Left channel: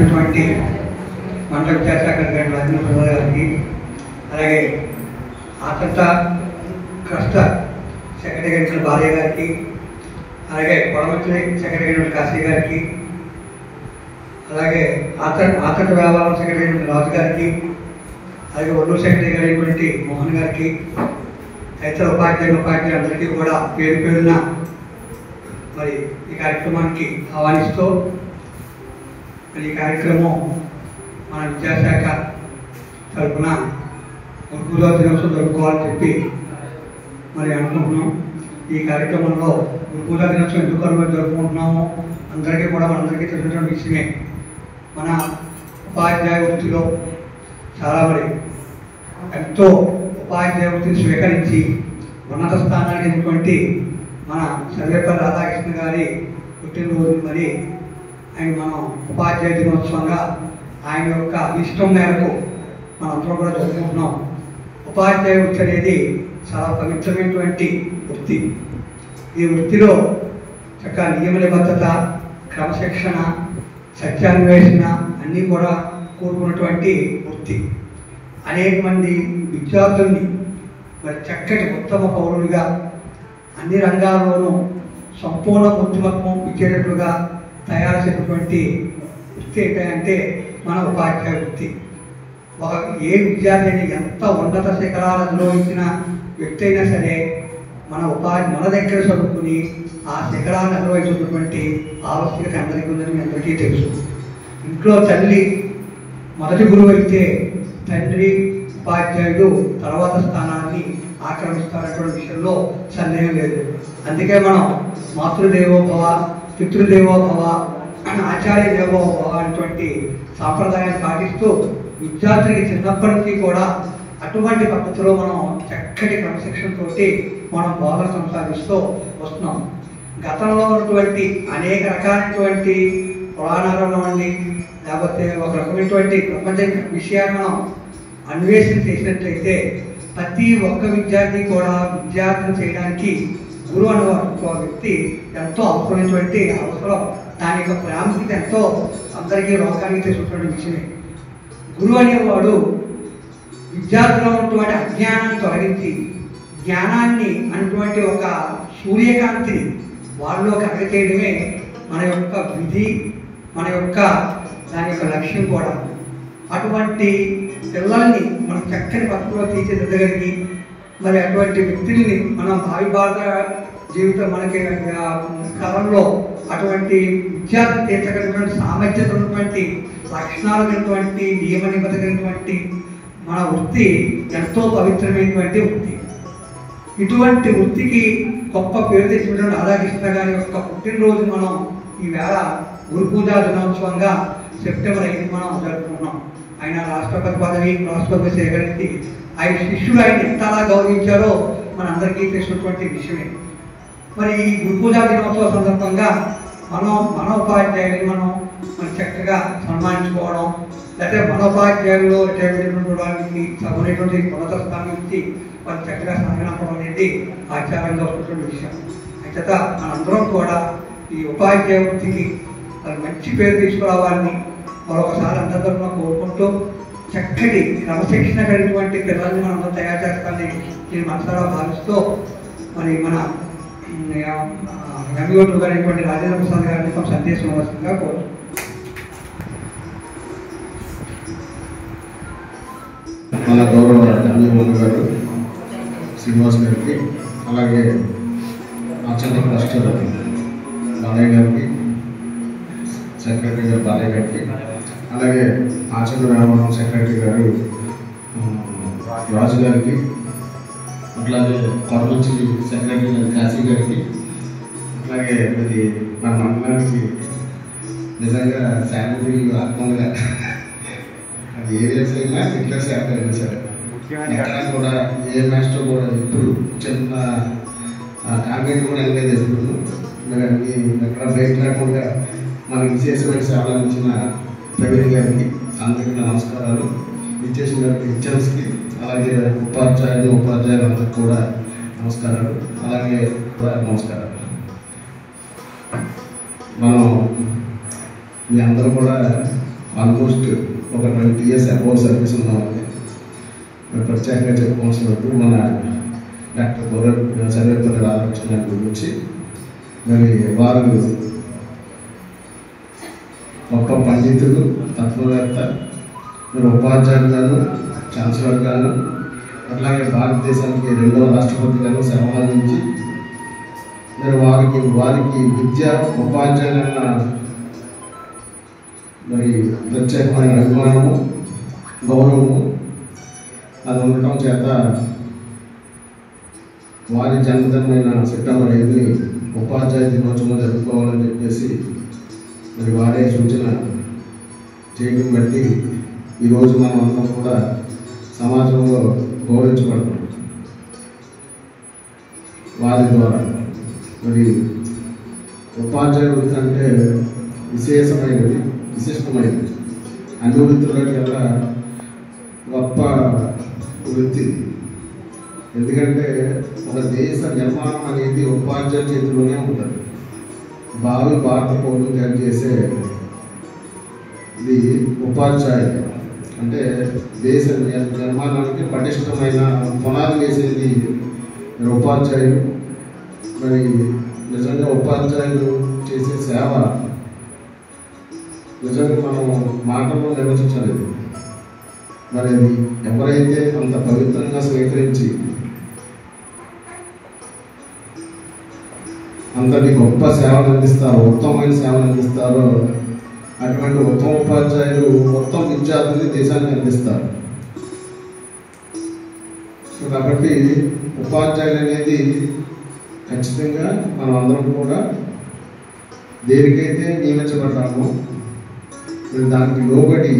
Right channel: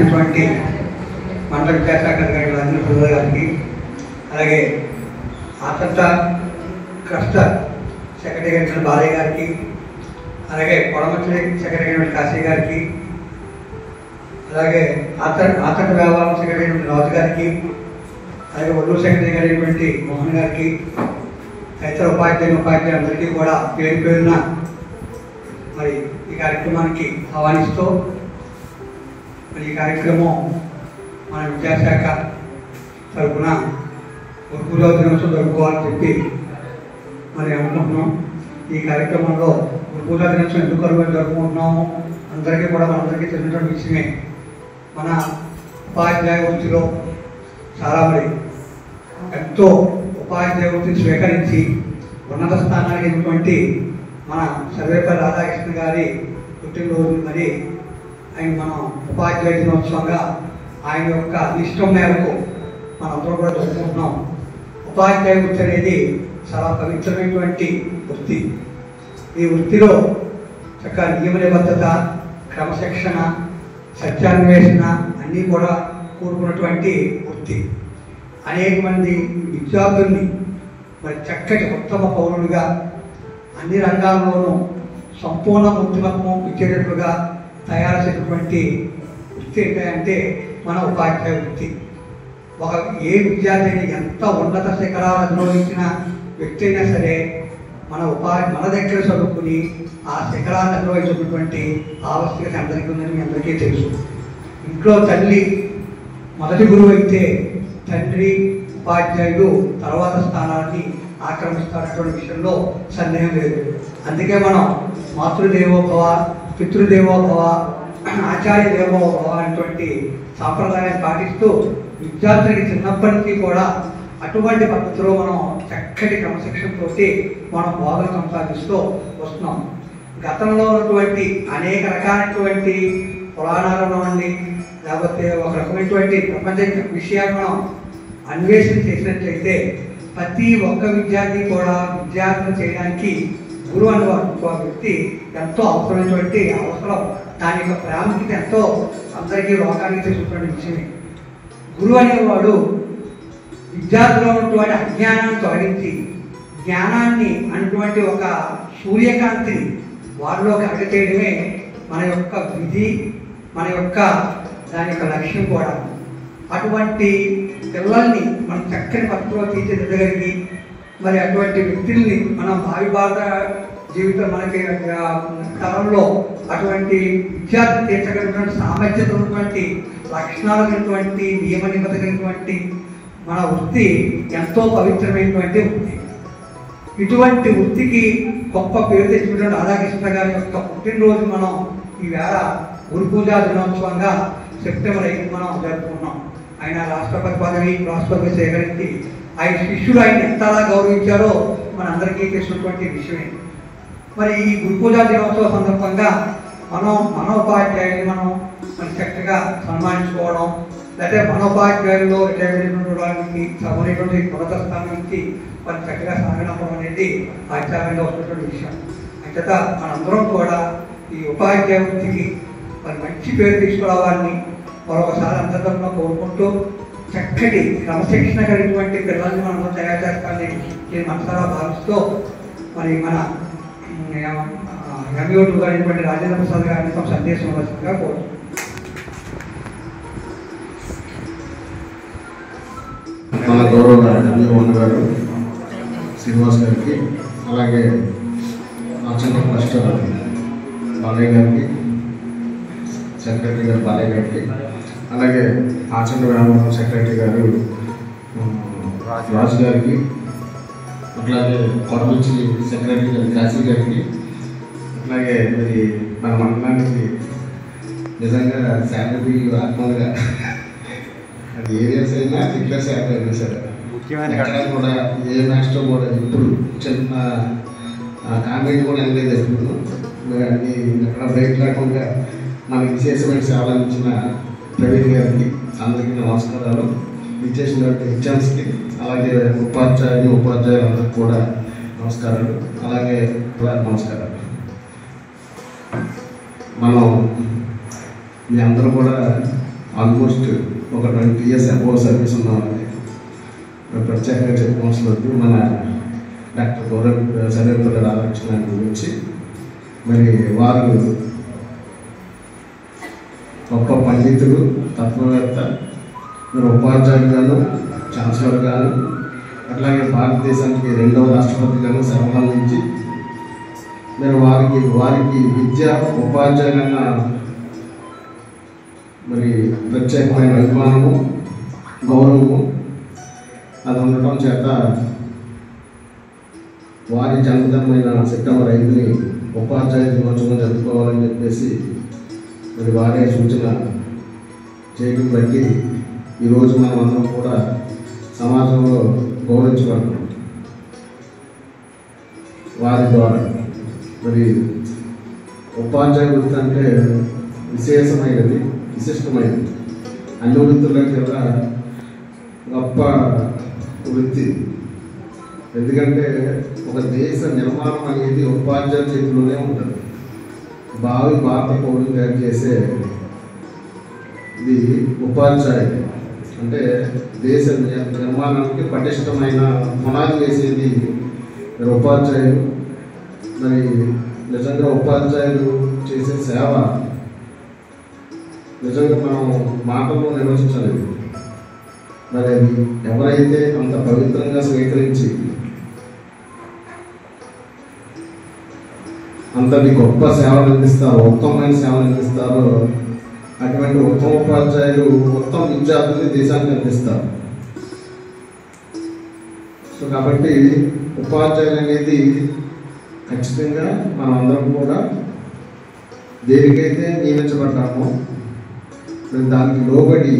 ఇచ్చినటువంటి మండల విద్యాశాఖ అధికారి రాజేంద్ర ప్రసాద్ గారికి, అలాగే ఆతంత క్లస్టర్ సెక్రటరీ బాలయ్య గారికి, అలాగే కొడమత్రి సెక్రటరీ కాశీ గారికి, అలాగే ఆతంత వ్యవహారం సెక్రటరీ రాజు గారికి, అలాగే ఒల్లూరు సెక్రటరీ గారి మోహన్ గారికి, ఇతర ఉపాధ్యాయులు అందరికీ కూడా పేరు పేరున మరి ఈ కార్యక్రమానికి ఆహ్వానిస్తూ, మరి ఈ కార్యక్రమం మన విద్యాశాఖ తరఫున గురుపూజా దినోత్సవం జరుపుకోవాలని చెప్పి మరి అనుకుంటున్నాం. ఈ కార్యక్రమంలో గురుపూజా దినోత్సవం ఎందుకు జరుపుకుంటున్నాము అందరికీ కూడా మనందరికీ తెలిసినటువంటి విషయమే. మన ఉపాధ్యాయ వృత్తిలో చాలా మరి ఎంతో ఉపాధ్యాయ వృత్తిని స్వీకరించి ఉన్నత స్థానానికి అయినటువంటి మన సర్వేపల్లి రాధాకృష్ణ గారి పుట్టినరోజు మరి ఆయన మనం ఉపాధ్యాయ దినోత్సవంగా ఆయన యొక్క ఇష్టం మేరకు మనందరూ కూడా జరుపుకుంటున్నాం. ఉపాధ్యాయ వృత్తి అనేది చాలా పవిత్రమైనటువంటి వృత్తి. ఈ వృత్తిలో చక్కగా నియమ నిబద్ధత, క్రమశిక్షణ, సత్యాన్వేషణ అన్నీ కూడా కూడుకున్నటువంటి వృత్తి. అనేక మంది విద్యార్థుల్ని మరి చక్కటి ఉత్తమ పౌరులుగా అన్ని రంగాల్లోనూ సంపూర్ణ బుద్ధిమత్వం ఇచ్చేటట్లుగా తయారు చేసినటువంటి వృత్తి ఏంటంటే మన ఉపాధ్యాయ వృత్తి. ఏ విద్యార్థిని ఎంత ఉన్నత శిఖరాలు అనుభవించిన వ్యక్తి అయినా సరే మన దగ్గర చదువుకుని ఆ శిఖరాన్ని అనుభవించినటువంటి ఆవశ్యకత అందరికీ ఉందని మీ అందరికీ తెలుసు. ఇంట్లో తల్లి మొదటి గురువు అయితే తండ్రి ఉపాధ్యాయుడు తర్వాత స్థానాన్ని ఆక్రమిస్తారనేటువంటి విషయంలో సందేహం లేదు. అందుకే మనం మాతృదేవోభవ, పితృదేవోభవ, ఆచార్య దేవోభవ అనేటువంటి సాంప్రదాయాన్ని పాటిస్తూ విద్యార్థులకి చిన్నప్పటి నుంచి కూడా అటువంటి పద్ధతిలో మనం చక్కటి క్రమశిక్షణతో మనం బోధన కొనసాగిస్తూ వస్తున్నాం. గతంలో ఉన్నటువంటి అనేక రకాలైనటువంటి పురాణాలలో నుండి లేకపోతే ఒక రకమైనటువంటి ప్రపంచ విషయాన్ని మనం అన్వేషణ చేసినట్లయితే ప్రతి ఒక్క విద్యార్థి కూడా విద్యార్థులు చేయడానికి గురువు అనే వ్యక్తి ఎంతో అవసరమైనటువంటి అవసరం. దాని యొక్క ప్రాముఖ్యత ఎంతో అందరికీ లోకానికి తెలిసినటువంటి విషయమే. గురువు అనేవాడు విద్యార్థుల్లో ఉన్నటువంటి అజ్ఞానాన్ని తొలగించి జ్ఞానాన్ని అనేటువంటి ఒక సూర్యకాంతిని వాళ్ళలో కలగచేయడమే మన యొక్క విధి, మన యొక్క దాని యొక్క లక్ష్యం కూడా. అటువంటి పిల్లల్ని మనం చక్కని పద్ధతిలో తీర్చిదిద్దగలిగి మరి అటువంటి వ్యక్తుల్ని మనం భావి భారత జీవితం మనకి కాలంలో అటువంటి విద్యార్థి తీర్చగలిగినటువంటి సామర్థ్యత ఉన్నటువంటి లక్షణాలు కలిగినటువంటి నియమ నిబద్ధత కలిగినటువంటి మన వృత్తి ఎంతో పవిత్రమైనటువంటి వృత్తి. ఇటువంటి వృత్తికి గొప్ప పేరు తెచ్చినటువంటి రాధాకృష్ణ గారి యొక్క పుట్టినరోజు మనం ఈవేళ గురుపూజా దినోత్సవంగా సెప్టెంబర్ 5 మనం జరుపుకున్నాం. ఆయన రాష్ట్రపతి పదవి సేకరించి ఆయన శిష్యులు ఆయన ఎంతలా గౌరవించారో మనందరికీ తెలిసినటువంటి విషయమే. మరి ఈ గురుపూజా దినోత్సవ సందర్భంగా మన ఉపాధ్యాయుని మనం చక్కగా సన్మానించుకోవడం, లేకపోతే మన ఉపాధ్యాయుల్లో రిటైర్మెంట్ సభ్యులైనటువంటి ఉన్నత స్థానం నుంచి మరి చక్కగా సాగనప్పడం అనేది ఆచార్యంగా వస్తున్నటువంటి విషయం. అంచేత మనందరం కూడా ఈ ఉపాధ్యాయ వృత్తికి మరి మంచి పేరు తీసుకురావాలని మరొకసారి అందరితో కోరుకుంటూ చక్కటి క్రమశిక్షణ కలిగినటువంటి పిల్లల్ని మనం తయారు చేస్తానని నేను మనసారా భావిస్తూ మరి మన ఎంఈఓ2 గారైనటువంటి రాజేంద్ర ప్రసాద్ గారిని ఒక సందేశం ఇవ్వాల్సిందిగా కోరుతున్నాను. మన గౌరవ ఎంఈఓ గారు శ్రీనివాస్ గారికి, అలాగే ఆచంద్ర క్లస్టర్ బాలయ్య గారికి, సెక్రటరీ గారు బాలయ్య గారికి, అలాగే ఆచంద్ర రామవరం సెక్రటరీ గారు రాజు గారికి, అట్లాగే కొడమచ్చి సెక్రటరీ గారు కాశీ గారికి, అట్లాగే ఇది మన మండలానికి నిజంగా శాలరీ ఆత్మగా అది ఏరియాస్ అయినా ఇట్లా శాలరీ అయినా సరే ఎక్కడ కూడా ఏ మాస్టర్ కూడా ఎప్పుడు చిన్న కాంగ్రెట్ కూడా వెళ్ళలేదు. ఎప్పుడు ఎక్కడ బ్రేక్ లేకుండా మనకి విశేషమైన సేవలు అందించిన ప్రవీణ్ గారికి అందరికీ నమస్కారాలు. ఇచ్చేసినటువంటి హెచ్ఎంస్కి అలాగే ఉపాధ్యాయులందరికీ కూడా నమస్కారాలు, అలాగే నమస్కారాలు. మనం మీ అందరూ కూడా ఆల్మోస్ట్ ఒక 20 years అబౌవ్ సర్వీస్ ఉన్నవాళ్ళని ప్రత్యేకంగా చెప్పుకోవాల్సిన వద్దు. మన డాక్టర్ సర్వేపల్లి రాధాకృష్ణ గురించి మరి వారు గొప్ప పండితుడు, తత్వవేత్త, మరి ఉపాధ్యాయులుగాను, ఛాన్సలర్ గాను, అట్లాగే భారతదేశానికి 2వ రాష్ట్రపతిగాను సేవలు అందించి మరి వారికి విద్య ఉపాధ్యాయులన్న మరి ప్రత్యేకమైన అభిమానము, గౌరవము అది ఉండటం చేత వారి జన్మదినమైన సెప్టెంబర్ 5ని ఉపాధ్యాయ దినోత్సవం జరుపుకోవాలని చెప్పేసి మరి వారే సూచన చేయడం బట్టి ఈరోజు మనం అందరం కూడా సమాజంలో గౌరవించబడుతున్నాం. వారి ద్వారా మరి ఉపాధ్యాయ వృత్తి అంటే విశేషమైనది, విశిష్టమైనది. అన్ని వృత్తుల కన్నా గొప్ప వృత్తి. ఎందుకంటే ఒక దేశ నిర్మాణం అనేది ఉపాధ్యాయుల చేతిలోనే ఉంటుంది. భావి భారత పౌరులు తయారు చేసే ఇది ఉపాధ్యాయులు. అంటే దేశ నిర్మాణానికి పటిష్టమైన పునాది వేసేది ఉపాధ్యాయులు. మరి నిజంగా ఉపాధ్యాయులు చేసే సేవ నిజంగా మనం మాటల్లో నిర్వచించలేదు. మరి ఎవరైతే అంత పవిత్రంగా స్వీకరించి అంతటి గొప్ప సేవలు అందిస్తారో, ఉత్తమమైన సేవలు అందిస్తారో అటువంటి ఉత్తమ ఉపాధ్యాయులు ఉత్తమ విద్యార్థుల్ని దేశానికి అందిస్తారు. సో కాబట్టి ఉపాధ్యాయులు అనేది ఖచ్చితంగా మనం అందరం కూడా దేనికైతే నియమించబడ్డామో దానికి లోబడి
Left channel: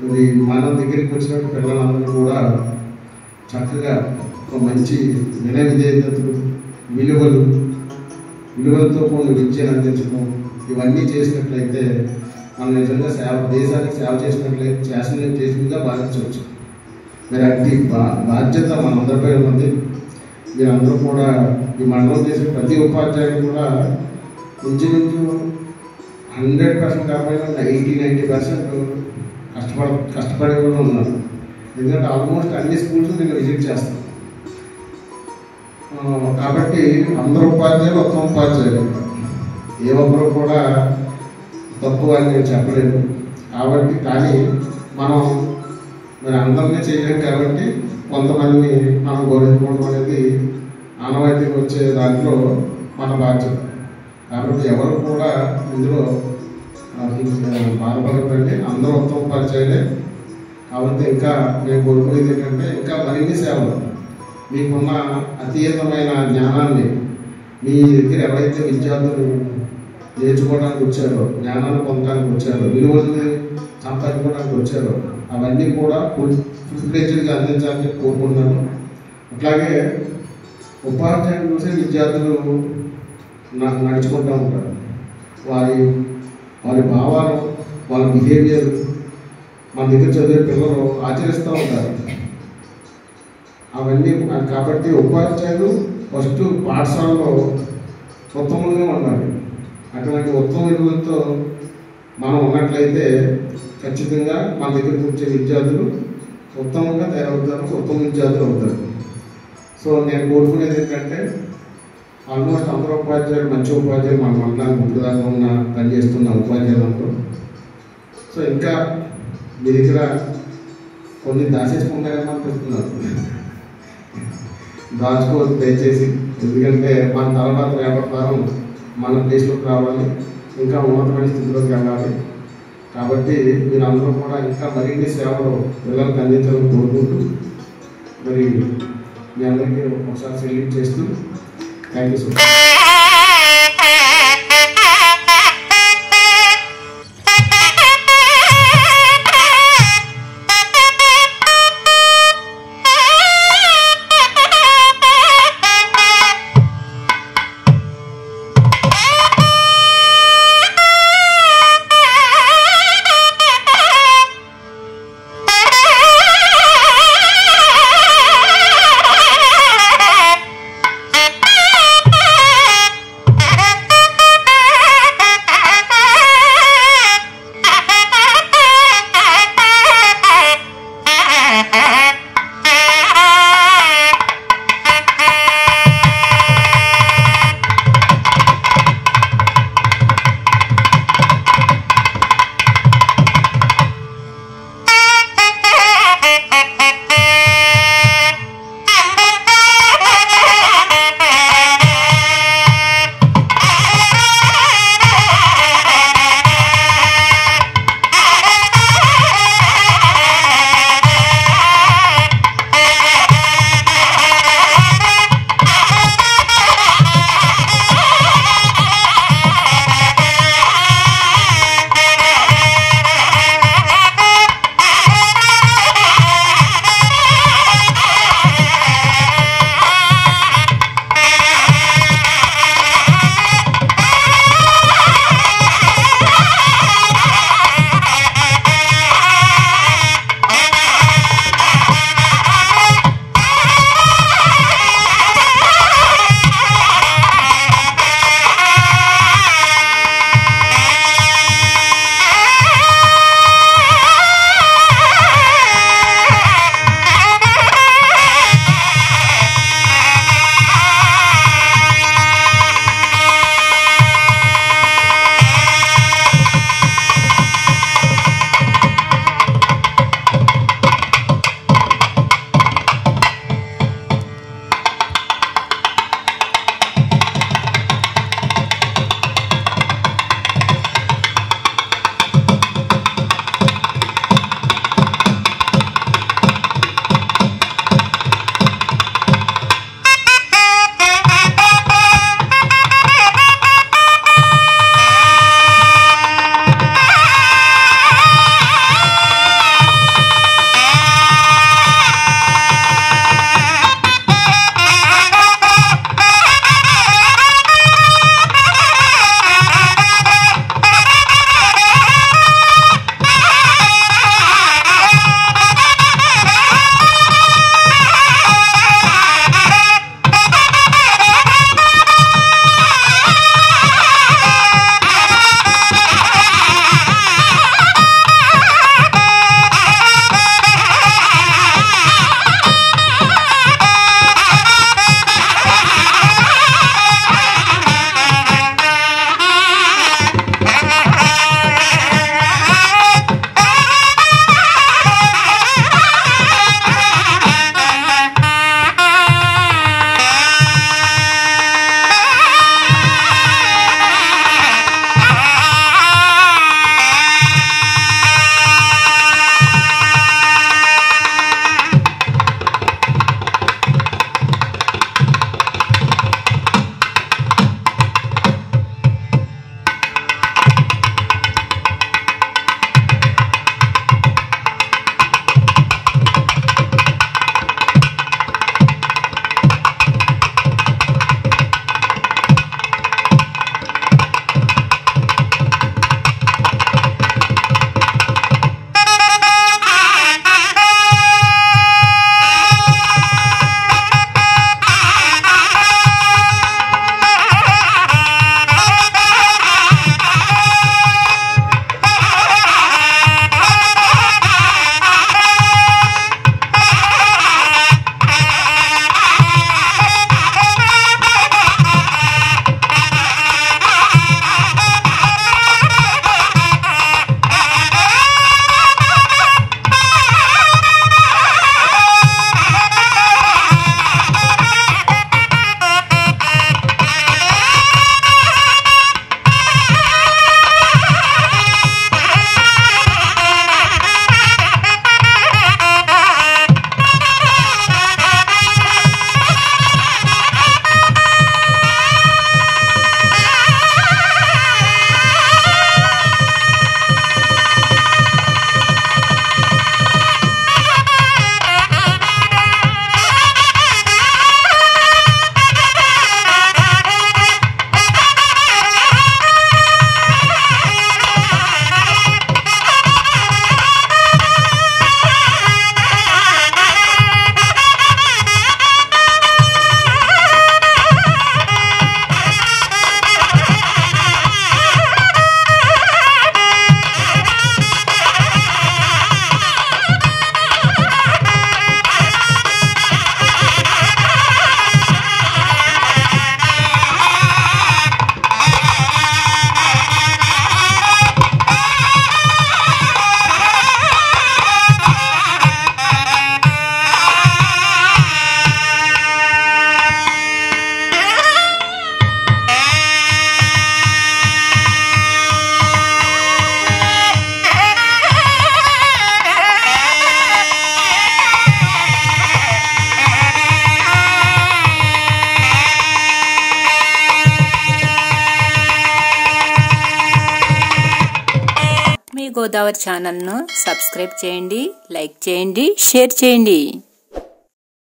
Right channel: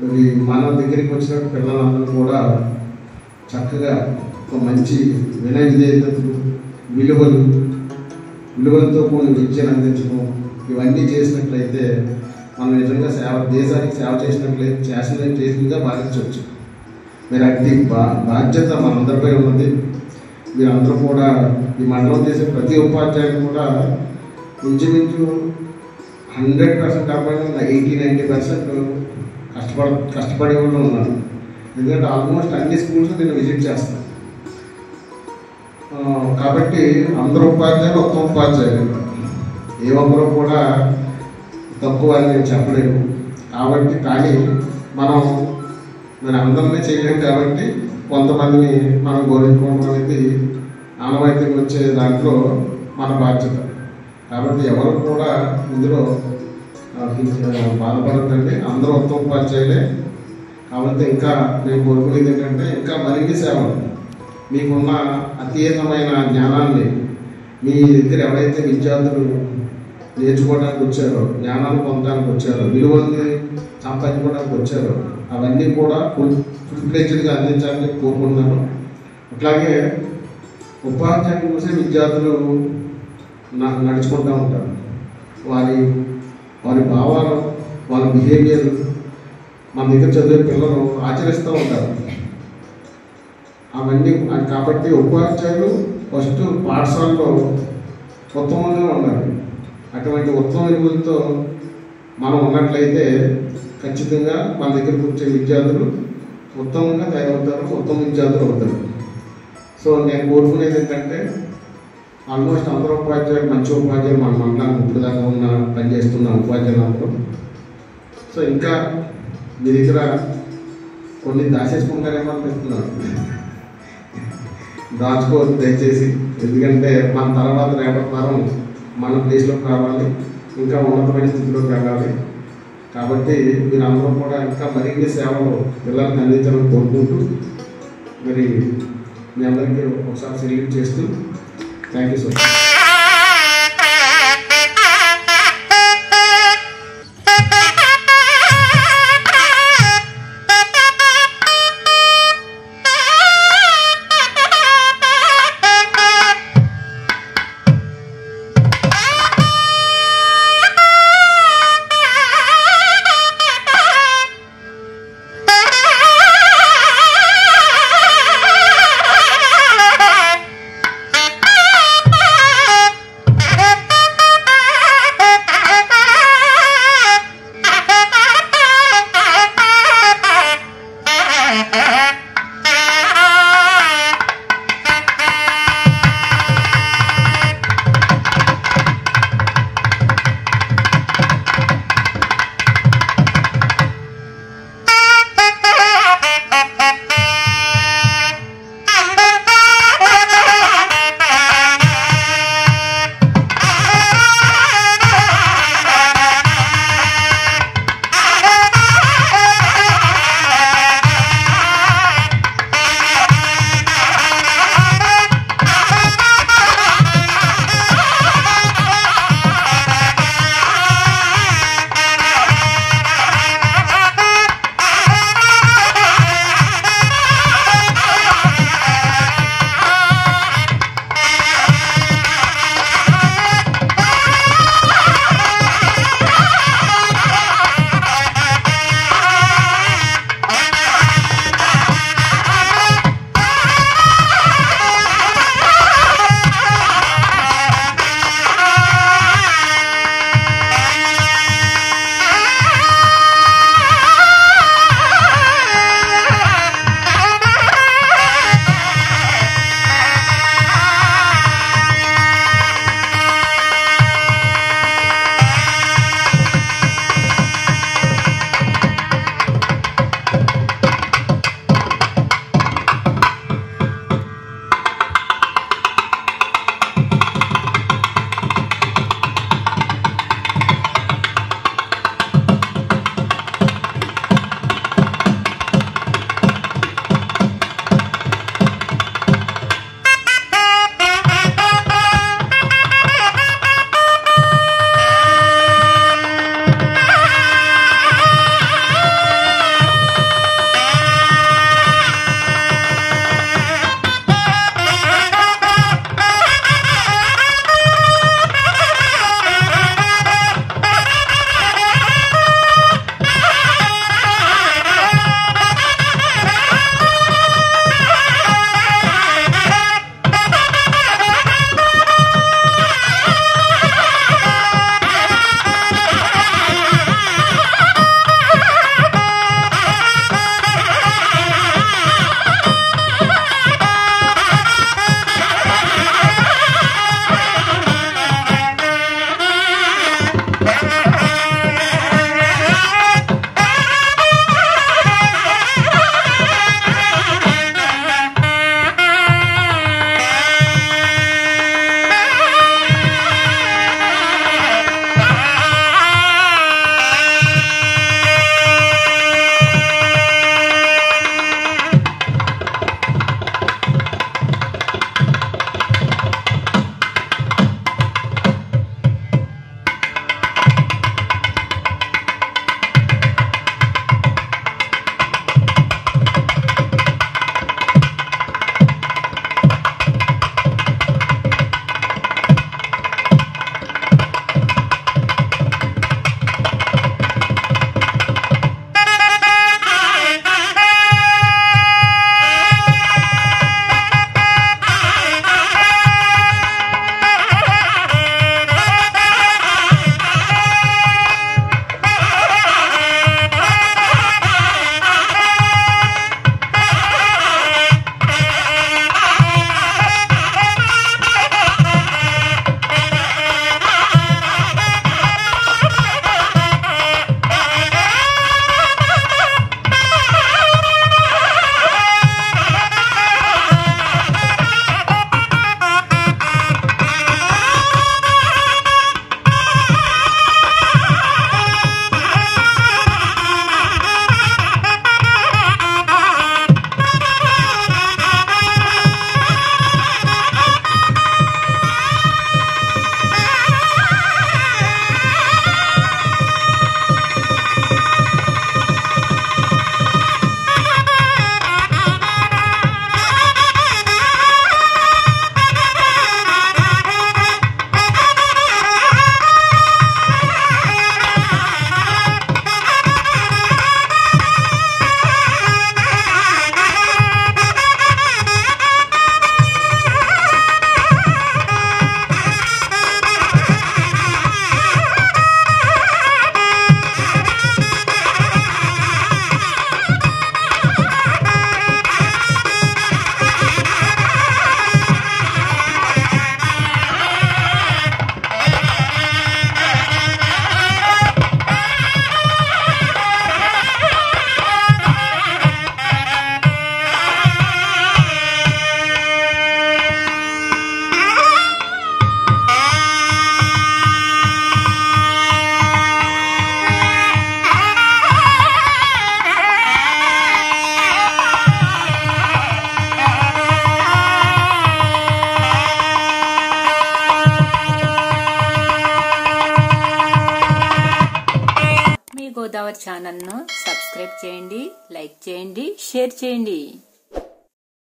మరి మన దగ్గరికి వచ్చిన పిల్లలందరూ కూడా చక్కగా ఒక మంచి వినయ విధేయతలు, విలువలతో కూడిన విద్యను అందించడం ఇవన్నీ చేసినట్లయితే మనం నిజంగా దేశానికి సేవ చేసినట్లయితే భావించవచ్చు. మరి అట్టి బాధ్యత మనందరిపై ఉన్నది. మీరందరూ కూడా ఈ మండలం చేసే ప్రతి ఉపాధ్యాయులు కూడా ఇంచుమించు 100% కాకపోయినా 80-90% కష్టపడే వాళ్ళు ఉన్నారు. ఎందుకంటే ఆల్మోస్ట్ అన్ని స్కూల్స్ నేను విజిట్ చేస్తాను. కాబట్టి అందరూ ఉపాధ్యాయులు ఉత్తమ ఉపాధ్యాయులు, ఏ ఒక్కరు కూడా తక్కువ అని నేను చెప్పలేను. కాబట్టి కానీ మనం అందరినీ చేయలేము. కాబట్టి కొంతమందిని మనం గౌరవించుకోవడం అనేది ఆనవాయితీకి వచ్చే దాంట్లో మన బాధ్యత. కాబట్టి ఎవరు కూడా ఇందులో బాధపడకండి. అందరూ ఉత్తమ ఉపాధ్యాయులే. కాబట్టి ఇంకా మేము కోరుకునేది ఏంటంటే ఇంకా మరిన్ని సేవలు, మీకున్న అతీతమైన జ్ఞానాన్ని మీ దగ్గర ఎవరైతే విద్యార్థులు నేర్చుకోవడానికి వచ్చారో, జ్ఞానాన్ని పొందడానికి వచ్చారో, విలువల్ని సంపాదించుకోవడానికి వచ్చారో అవన్నీ కూడా ఫుల్ ఫ్లెడ్జ్డ్గా అందించాలని కోరుకుంటున్నాను. అట్లాగే ఉపాధ్యాయులు చూసే విద్యార్థులు నడుచుకుంటూ ఉంటారు. వారి భావాలు, వాళ్ళ బిహేవియర్ మన దగ్గర చదివే పిల్లలు ఆచరిస్తూ ఉంటారు. అవన్నీ కాబట్టి ఉపాధ్యాయులు ఫస్ట్ పాఠశాలలో ఉత్తమంగా ఉండాలి. అటువంటి ఉత్తమ విలువలతో మనం ఉన్నట్లయితే ఖచ్చితంగా మన దగ్గరకు వచ్చే విద్యార్థులు ఉత్తమంగా తయారవుతారు, ఉత్తమ విద్యార్థులు అవుతారు. సో నేను కోరుకునేది ఏంటంటే ఆల్మోస్ట్ అందరూ ఉపాధ్యాయులు మంచి ఉపాధ్యాయులు మన మండలానికి ఇప్పుడు దాకా పనిచేస్తున్న ఉపాధ్యాయులందరూ. సో ఇంకా మీ దగ్గర కొన్ని దాచేసుకుంటారేమో అనిపిస్తున్నారు. దాచుకోవద్దు దయచేసి. ఎందుకంటే మన తర్వాత రేపటి తరం మన ప్లేస్లోకి రావాలి, ఇంకా ఉన్నతమైన స్థితిలోకి వెళ్ళాలి. కాబట్టి మీరందరూ కూడా ఇంకా మరిన్ని సేవలు పిల్లలకు అందించాలని కోరుకుంటూ మరి మీ అందరికీ ఒకసారి సెల్యూట్ చేస్తూ thank you so much. Godavari ఛానల్ను సబ్స్క్రైబ్ చేయండి, లైక్ చేయండి, షేర్ చేయండి.